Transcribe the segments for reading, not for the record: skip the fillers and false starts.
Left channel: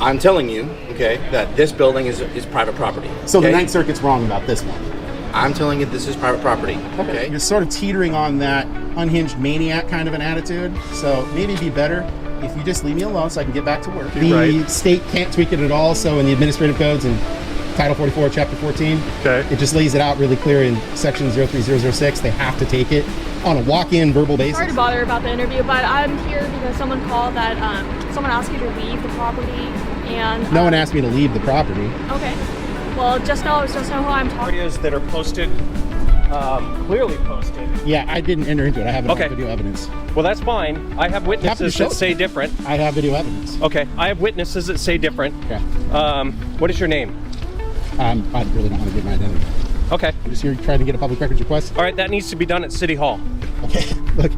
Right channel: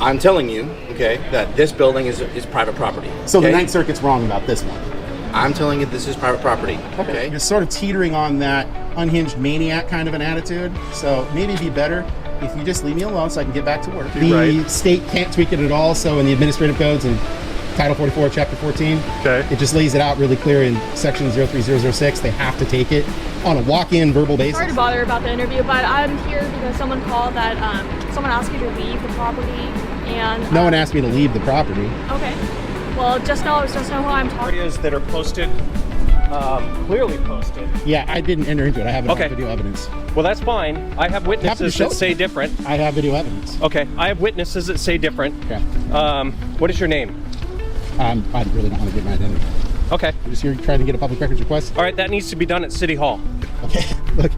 I'm telling you, okay, that this building is private property. So okay? the Ninth Circuit's wrong about this one. I'm telling you this is private property. Okay, it's sort of teetering on that unhinged maniac kind of an attitude. So maybe it'd be better if you just leave me alone so I can get back to work. The state can't tweak it at all, so in the administrative codes and Title 44, Chapter 14, it just lays it out really clear in Section 03006. They have to take it on a walk-in verbal basis. Sorry to bother about the interview, but I'm here because someone called that someone asked you to leave the property, and no one asked me to leave the property. Okay. Well, just know who I'm talking. Areas that are posted, clearly posted. Yeah, I didn't enter into it. I have video evidence. Well, that's fine. I have witnesses that say different. I have video evidence. Okay, I have witnesses that say different. Yeah. What is your name? I really don't want to give my identity. Okay. So you're trying to get a public records request? All right, that needs to be done at City Hall. Okay. Look,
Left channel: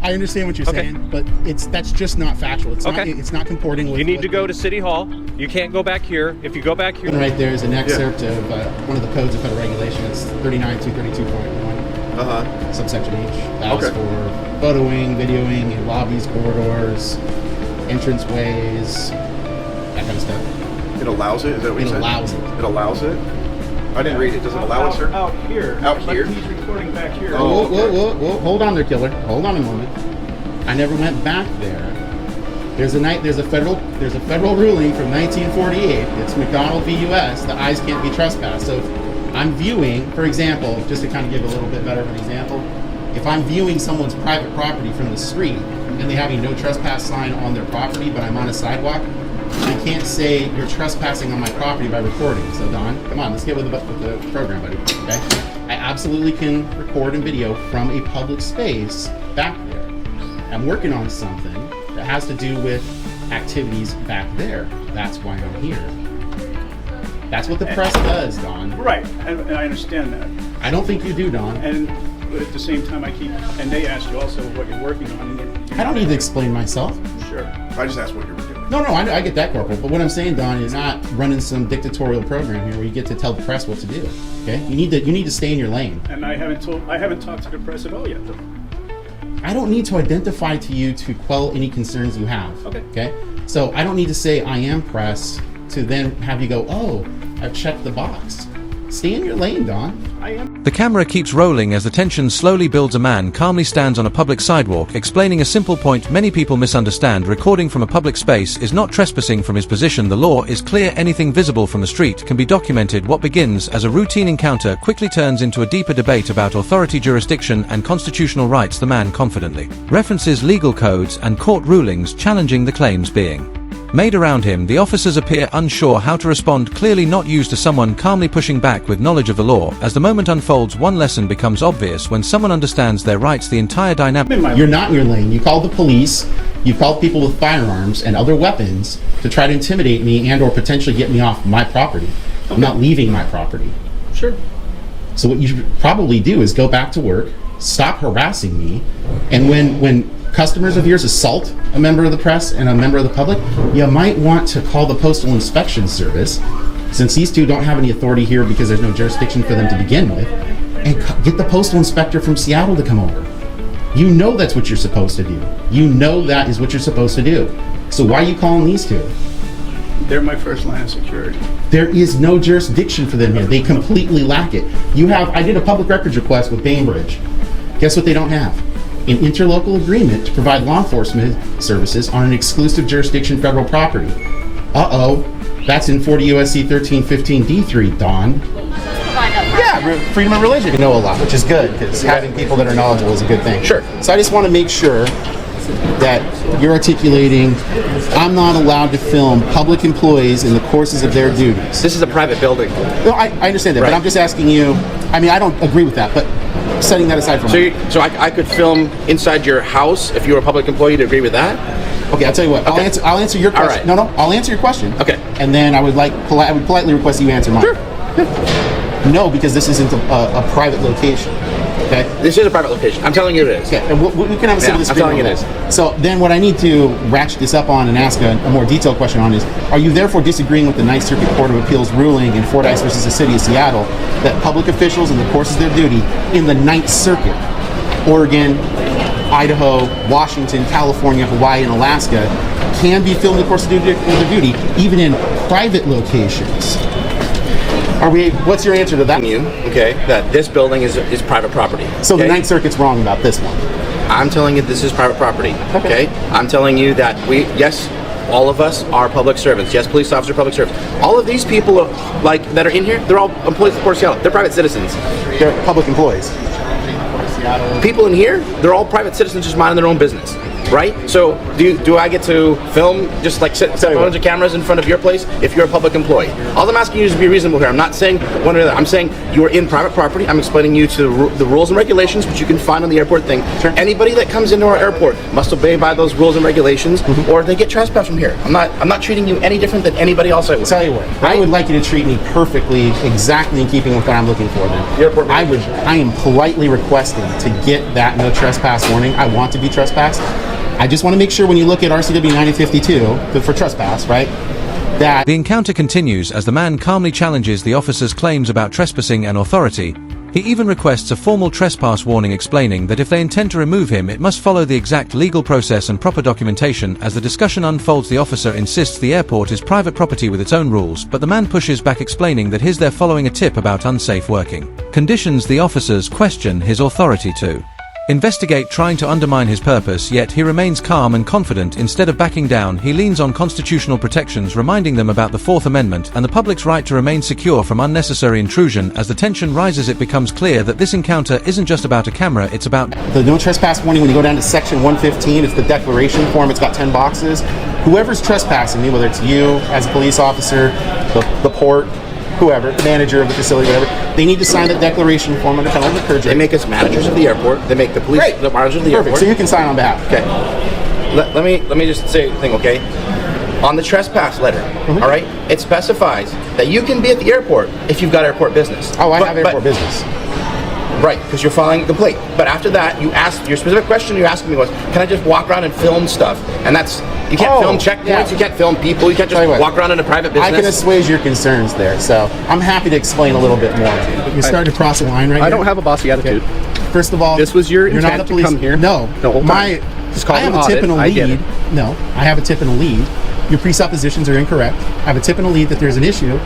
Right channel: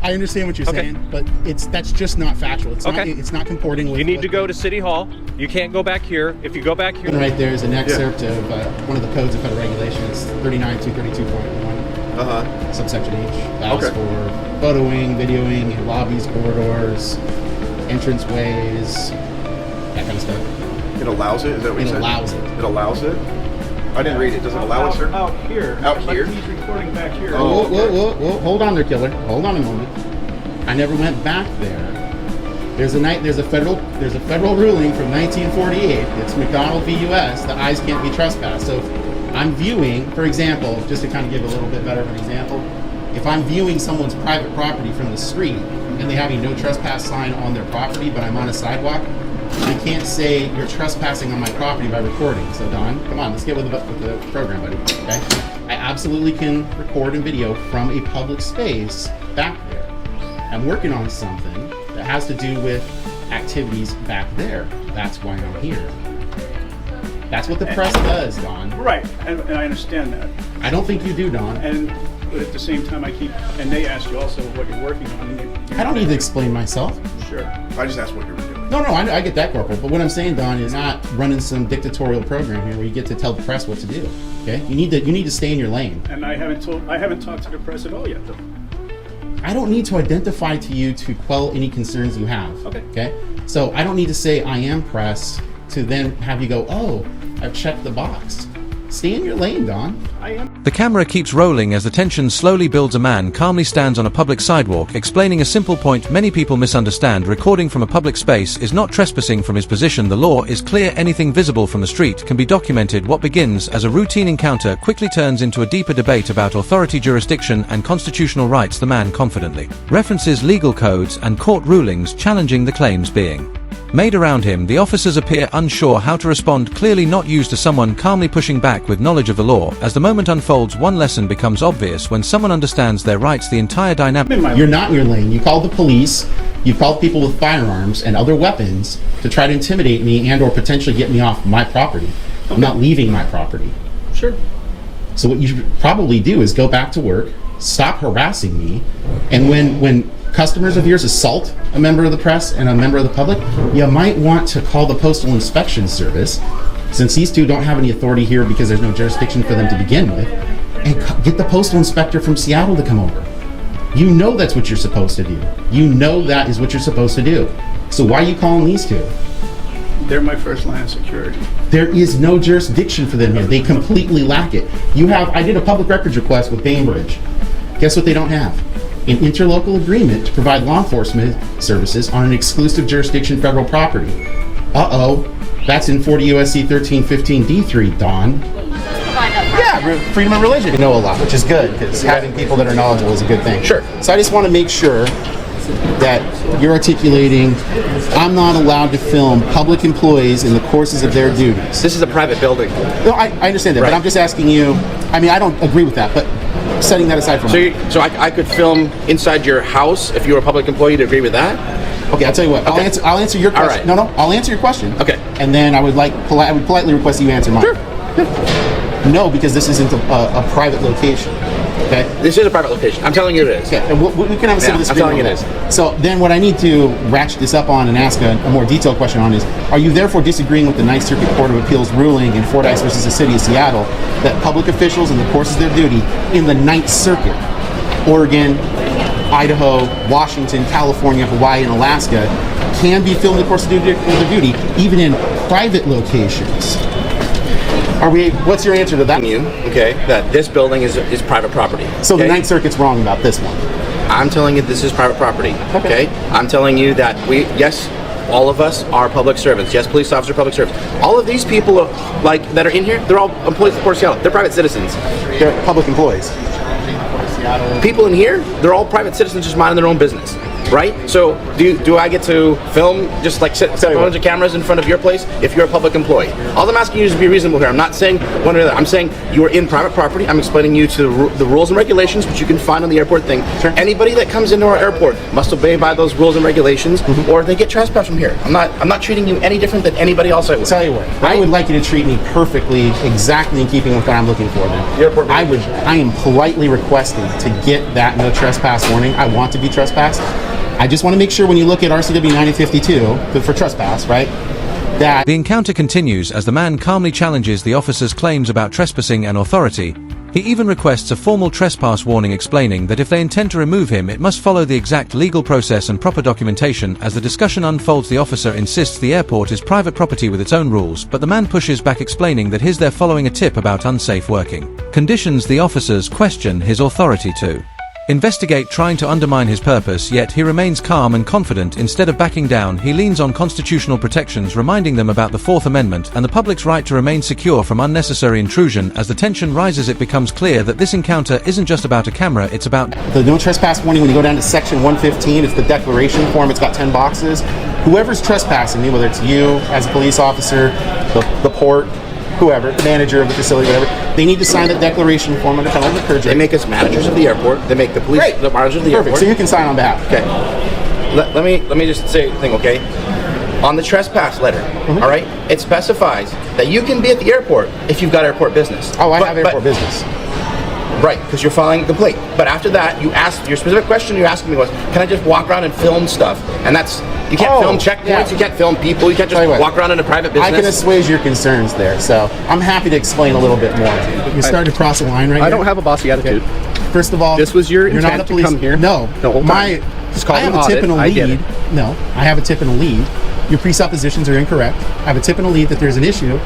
I understand what you're saying, but that's just not factual. It's not comporting with... You need to go to City Hall. You can't go back here. If you go back here... Right there is an excerpt of one of the codes of federal regulations, 39.232.1, subsection H. That is for photoing, videoing, in lobbies, corridors, entranceways, that kind of stuff. It allows it? Is that what It allows it. It allows it? I didn't read it. Does it allow it, sir? Out here. Out here? He's recording back here. Oh. Whoa. Hold on there, killer. Hold on a moment. I never went back there. There's a federal ruling from 1948. It's McDonald v. U.S. The eyes can't be trespassed. So if I'm viewing, for example, just to kind of give a little bit better of an example, if I'm viewing someone's private property from the street and they have a no trespass sign on their property, but I'm on a sidewalk, I can't say you're trespassing on my property by recording. So Don, come on, let's get with the program, buddy. Okay? I absolutely can record and video from a public space back there. I'm working on something that has to do with activities back there. That's why I'm here. That's what the press does, Don. Right, I understand that. I don't think you do, Don. And at the same time, and they asked you also what you're working on. I don't need to explain myself. Sure. I just asked what you were doing. No, I get that, Corporal. But what I'm saying, Don, is not running some dictatorial program here where you get to tell the press what to do. Okay? You need to stay in your lane. And I haven't talked to the press at all yet, though. I don't need to identify to you to quell any concerns you have. Okay? So I don't need to say I am press to then have you go, oh, I've checked the box. Stay in your lane, Don. I am. The camera keeps rolling as the tension slowly builds. A man calmly stands on a public sidewalk explaining a simple point many people misunderstand. Recording from a public space is not trespassing from his position. The law is clear. Anything visible from the street can be documented. What begins as a routine encounter quickly turns into a deeper debate about authority, jurisdiction, and constitutional rights. The man confidently references legal codes and court rulings challenging the claims being made around him. The officers appear unsure how to respond, clearly not used to someone calmly pushing back with knowledge of the law. As the moment unfolds, one lesson becomes obvious: when someone understands their rights, the entire dynamic... You're not in your lane. You called the police. You called people with firearms and other weapons to try to intimidate me and or potentially get me off my property. I'm not leaving my property. Sure. So what you should probably do is go back to work, stop harassing me, and when customers of yours assault a member of the press and a member of the public, you might want to call the Postal Inspection Service, since these two don't have any authority here because there's no jurisdiction for them to begin with, and get the postal inspector from Seattle to come over. You know that's what you're supposed to do. You know that is what you're supposed to do. So why are you calling these two? They're my first line of security. There is no jurisdiction for them here. They completely lack it. I did a public records request with Bainbridge. Guess what they don't have? An interlocal agreement to provide law enforcement services on an exclusive jurisdiction federal property. Uh-oh. That's in 40 U.S.C. 1315 D3, Don. Yeah, freedom of religion. You know a lot, which is good, because having people that are knowledgeable is a good thing. Sure. So I just want to make sure that you're articulating, I'm not allowed to film public employees in the courses of their duties. This is a private building. No, I understand that, but I'm just asking you, I don't agree with that, but setting that aside for So I could film inside your house if you were a public employee to agree with that? Okay, I'll tell you what. I'll answer your question. Right. No, I'll answer your question. Okay. And then I would politely request you answer mine. Sure. No, because this isn't a private location. Okay. This is a private location. I'm telling you it is. Okay. And we can have a I'm telling you it is. So then what I need to ratchet this up on and ask a more detailed question on is, are you therefore disagreeing with the Ninth Circuit Court of Appeals ruling in Fordyce versus the City of Seattle that public officials in the course of their duty in the Ninth Circuit, Oregon, Idaho, Washington, California, Hawaii, and Alaska, can be filmed in the course of their duty, even in private locations. What's your answer to that? Okay, that this building is private property. So the Ninth Circuit's wrong about this one. I'm telling you this is private property. Okay? I'm telling you that yes, all of us are public servants. Yes, police officers, public servants. All of these people that are in here, they're all employees of the Port of Seattle. They're private citizens. They're public employees. People in here, they're all private citizens just minding their own business. Right? So, do I get to film just like set phones and cameras in front of your place if you're a public employee? All I'm asking you is to be reasonable here. I'm not saying one or the other. I'm saying you're in private property. I'm explaining you to the rules and regulations, which you can find on the airport thing. Sure. Anybody that comes into our airport must obey by those rules and regulations, or they get trespassed from here. I'm not treating you any different than anybody else I would. Tell you what, right? I would like you to treat me perfectly, exactly in keeping with what I'm looking for. Then I am politely requesting to get that no trespass warning. I want to be trespassed. I just want to make sure when you look at RCW 9052, for trespass, right, that... The encounter continues as the man calmly challenges the officer's claims about trespassing and authority. He even requests a formal trespass warning explaining that if they intend to remove him, it must follow the exact legal process and proper documentation. As the discussion unfolds, the officer insists the airport is private property with its own rules, but the man pushes back, explaining that they're following a tip about unsafe working conditions. The officers question his authority to investigate, trying to undermine his purpose, yet he remains calm and confident. Instead of backing down, he leans on constitutional protections, reminding them about the Fourth Amendment and the public's right to remain secure from unnecessary intrusion. As the tension rises, it becomes clear that this encounter isn't just about a camera, it's about the no trespass warning. When you go down to section 115, it's the declaration form. It's got 10 boxes. Whoever's trespassing me, whether it's you as a police officer, the port, whoever, the manager of the facility, whatever, they need to sign the declaration form under penalty of perjury. They make us managers of the airport. They make the police the managers of the airport. So you can sign on behalf. Okay. Let me just say a thing, okay? On the trespass letter, all right, it specifies that you can be at the airport if you've got airport business. Oh, I have airport business. Right, because you're filing the plate. But after that, you ask your specific question you're asking me was, can I just walk around and film stuff? And that's, you can't film checkpoints, you can't film people, you can't just walk around in a private business. I can assuage your concerns there, so I'm happy to explain a little bit more. You're starting to cross a line right here. I don't have a bossy attitude. First of all, this was your you're intent not a police, to come here. No, just call I have a tip and a lead. No, I have a tip and a lead. Your presuppositions are incorrect. I have a tip and a lead that there's an issue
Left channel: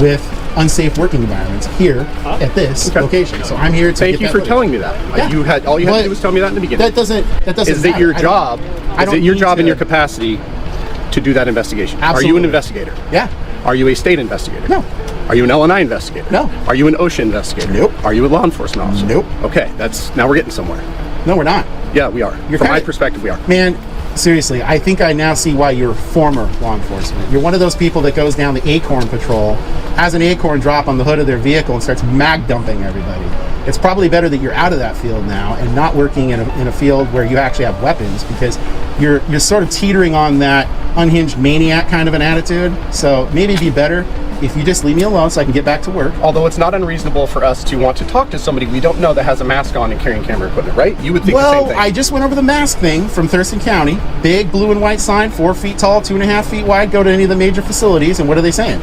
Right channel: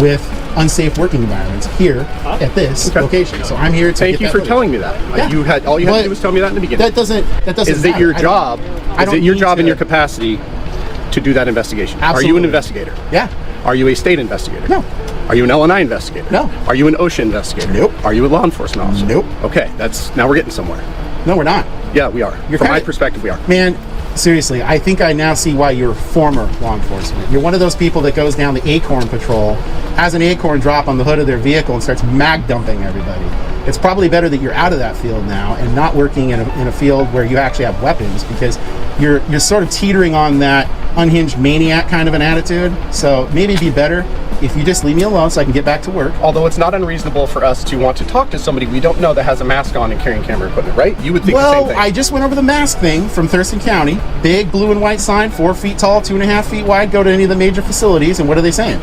with unsafe working environments here at this location. So I'm here to thank you for telling me that. Yeah. You had all you had to do was tell me that in the beginning. That doesn't Is it your job? Is it your job in your capacity to do that investigation? Absolutely. Are you an investigator? Yeah. Are you a state investigator? No. Are you an LNI investigator? No. Are you an OSHA investigator? Nope. Are you a law enforcement officer? Nope. Okay, now we're getting somewhere. No, we're not. Yeah, we are. From my perspective, we are. Man, seriously, I think I now see why you're former law enforcement. You're one of those people that goes down the Acorn patrol, has an acorn drop on the hood of their vehicle and starts mag dumping everybody. It's probably better that you're out of that field now and not working in a field where you actually have weapons, because you're sort of teetering on that unhinged maniac kind of an attitude. So maybe it'd be better if you just leave me alone so I can get back to work. Although it's not unreasonable for us to want to talk to somebody we don't know that has a mask on and carrying camera equipment, right? You would think the same thing. I just went over the mask thing from Thurston County. Big blue and white sign, 4 feet tall, 2.5 feet wide. Go to any of the major facilities, and what are they saying?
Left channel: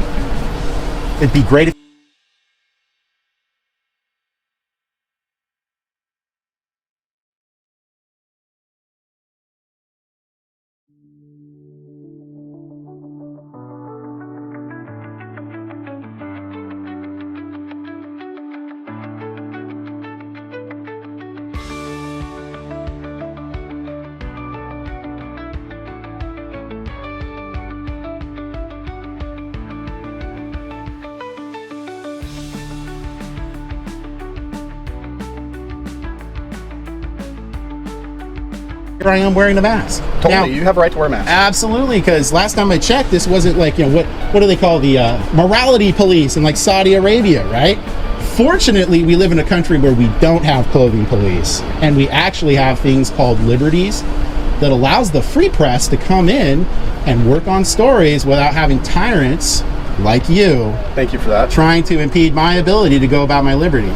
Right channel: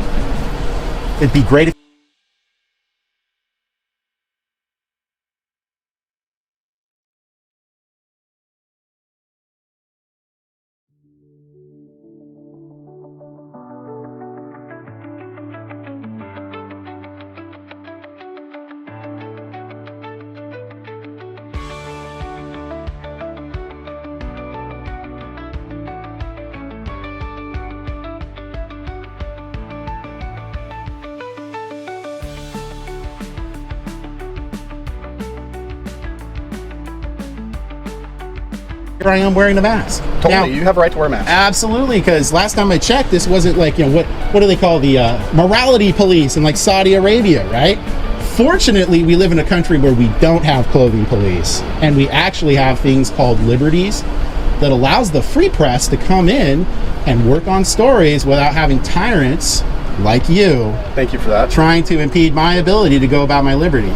It'd be great if here I am wearing the mask. Totally, Now, you have a right to wear a mask. absolutely, because last time I checked, this wasn't like, what do they call the morality police in like Saudi Arabia, right? Fortunately, we live in a country where we don't have clothing police, and we actually have things called liberties that allows the free press to come in and work on stories without having tyrants like you. Thank you for that. Trying to impede my ability to go about my liberty.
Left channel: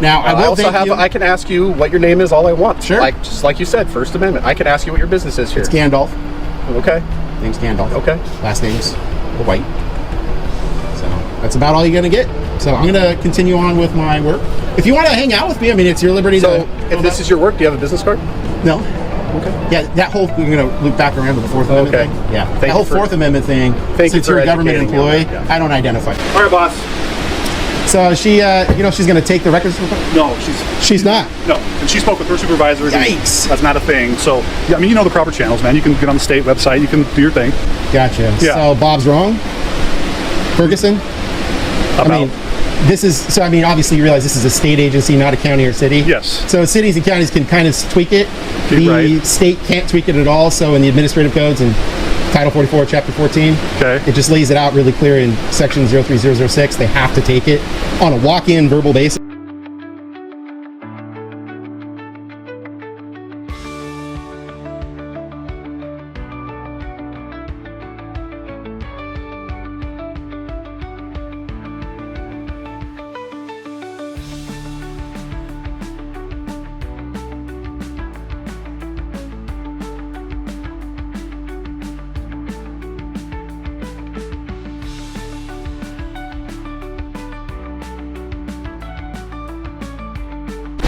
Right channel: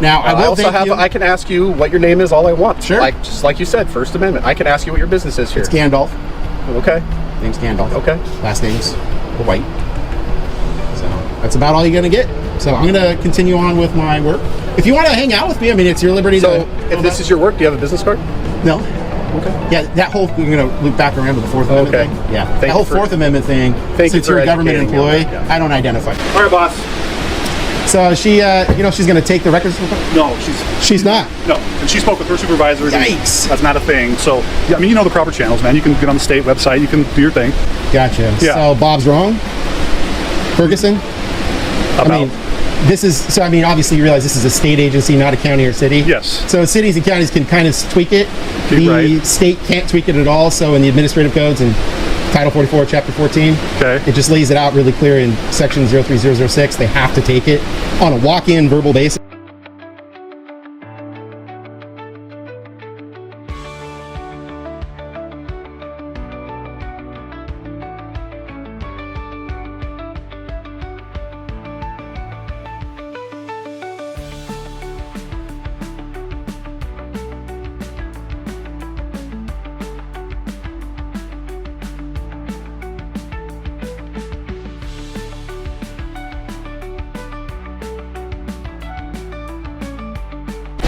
Now, I can ask you what your name is all I want. Sure. Just like you said, First Amendment. I can ask you what your business is here. It's Gandalf. Okay. Name's Gandalf. Okay. Last name's White. So that's about all you're gonna get. So I'm gonna continue on with my work. If you want to hang out with me, I mean, it's your liberty to. If this is your work, do you have a business card? No. Yeah, that whole, we're going to loop back around to the Fourth Amendment Okay. thing. Yeah. Thank The whole you for- Fourth Amendment thing, Thank you since you're for a government educating me on employee, that, yeah. I don't identify. All right, boss. So she, she's going to take the records. No, She's not. no. And she spoke with her supervisors. and Yikes. That's not a thing. So, yeah, I mean, you know the proper channels, man. You can get on the state website. You can do your thing. Gotcha. Yeah. So Bob's wrong? Ferguson? I mean, this is, so I mean, obviously you realize this is a state agency, not a county or city. Yes. So cities and counties can kind of tweak it. The Right. state can't tweak it at all. So in the administrative codes and Title 44, Chapter 14, Okay. it just lays it out really clear in Section 03006. They have to take it on a walk-in verbal basis.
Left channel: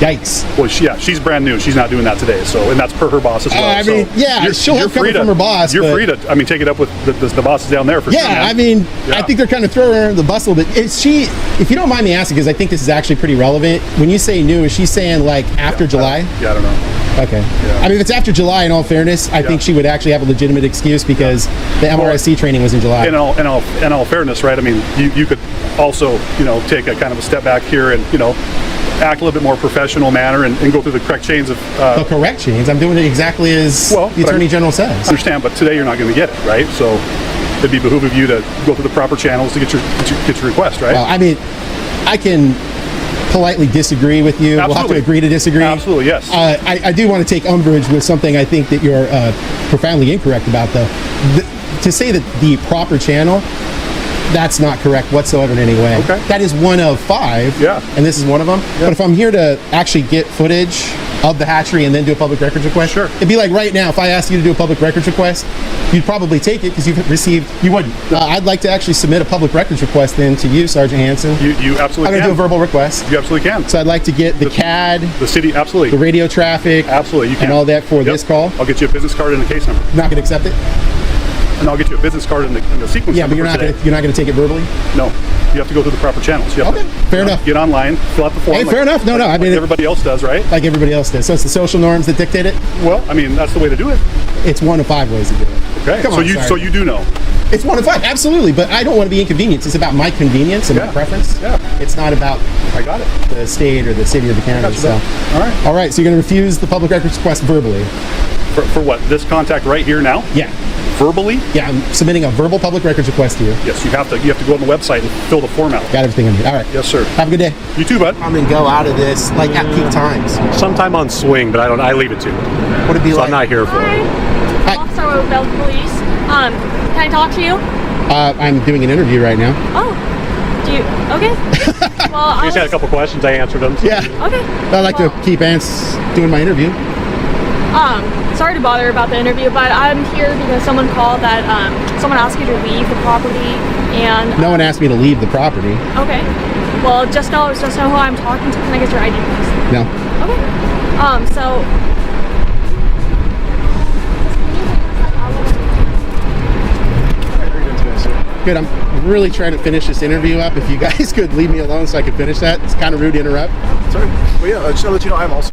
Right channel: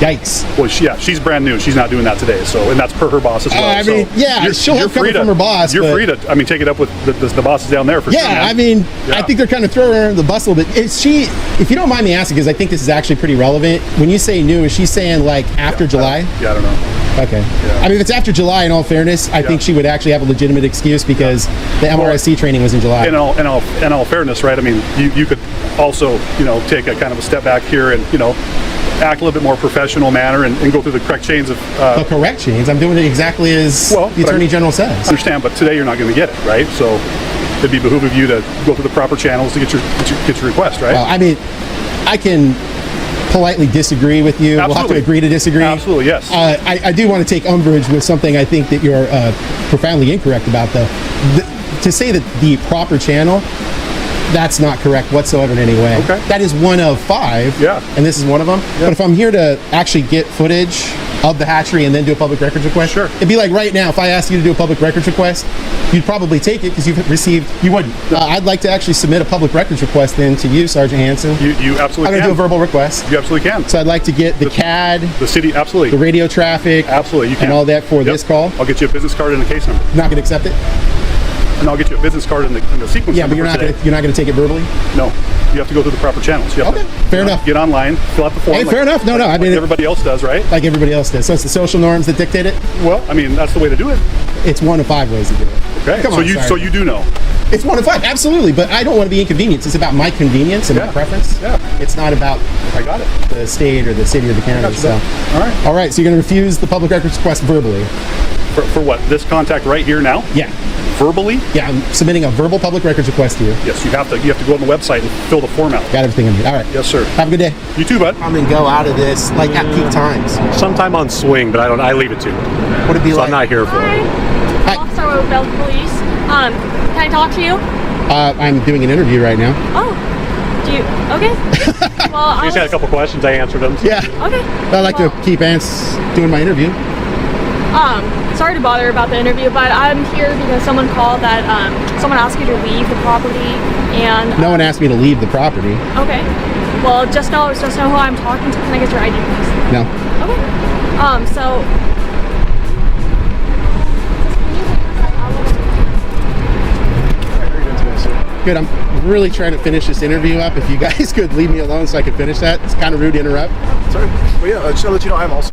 Yikes. Well, she's brand new. She's not doing that today. So, and that's per her boss as well. I mean, so yeah, she'll have free credit from her boss, You're but- free to, I mean, take it up with the bosses down there. For Yeah, I mean, I think they're kind of throwing her under the bus a little bit. Is she, if you don't mind me asking, because I think this is actually pretty relevant, when you say new, is she saying like after July? Yeah, I don't know. Okay. I mean, if it's after July, in all fairness, I think she would actually have a legitimate excuse because the MRIC training was in July. In all fairness, right? I mean, you could also, take a kind of a step back here and, act a little bit more professional manner and go through the quick chains of. The corrections. I'm doing it exactly as the Attorney General says. Understand, but today you're not going to get it, right? So I think it would you to go to the proper channels to get your request, right? Well, I mean, I can politely disagree with you. We'll have to Absolutely. agree to disagree. Absolutely, yes. I do want to take umbrage with something I think that you're profoundly incorrect about. That to say that the proper channel, that's not correct whatsoever anyway. That is 1 of 5, and this is 1 of them. But if I'm here to actually get footage of the hatchery and then do a public records request, Sure. it'd be like right now, if I asked you to do a public records request, you'd probably take it because you've received. You wouldn't. I'd like to actually submit a public records request then to you, Sergeant Hansen. You absolutely I'm going to can. do a verbal request. You absolutely can. So I'd like to get the CAD, The city, absolutely. the radio traffic, Absolutely, you can. and all that for Yep. this call. I'll get you a business card and a case number. Not going to accept it? And I'll get you a business card and the sequence Yeah, but number you're for not today. gonna, you're not going to take it verbally? No. You have to go through the proper channels. Fair enough. Get online. Fill out the form Fair enough. No, I mean, everybody else does, right? like everybody else does. So it's the social norms that dictate it? Well, I mean, that's the way to do it. It's 1 of 5 ways to do it. Okay. Come So on, you Sergeant. so you do know. It's 1 of 5, absolutely. But I don't want to be inconvenienced. It's about my convenience and my Yeah. preference. Yeah. It's not about I got it. the state or the city or the county. Gotcha, So. man. All right. All right, so you're going to refuse the public records request verbally? For what? This contact right here now? Yeah. Verbally? Yeah, I'm submitting a verbal public records request to you. Yes. You have to go on the website and fill the form out. Got everything. All right. Yes, sir. Have a good day. You too, bud. I'm going to go out of this like at peak times. Sometime on swing, but I leave it to. Would it be like, I'm not here. So, about the police. Can I talk to you? I'm doing an interview right now. Oh, do you? Okay. Well, I You just had a was, couple questions. I answered them. Yeah. okay. I like to keep doing my interview. Sorry to bother about the interview, but I'm here because someone called that someone asked me to leave the property, and No one asked me to leave the property. okay. Well, just now, so who I'm talking to, can I get your ID? No. Okay. So. Good. I'm really trying to finish this interview up. If you guys could leave me alone so I can finish that. It's kind of rude to interrupt. Well, yeah, just to let you know, I'm also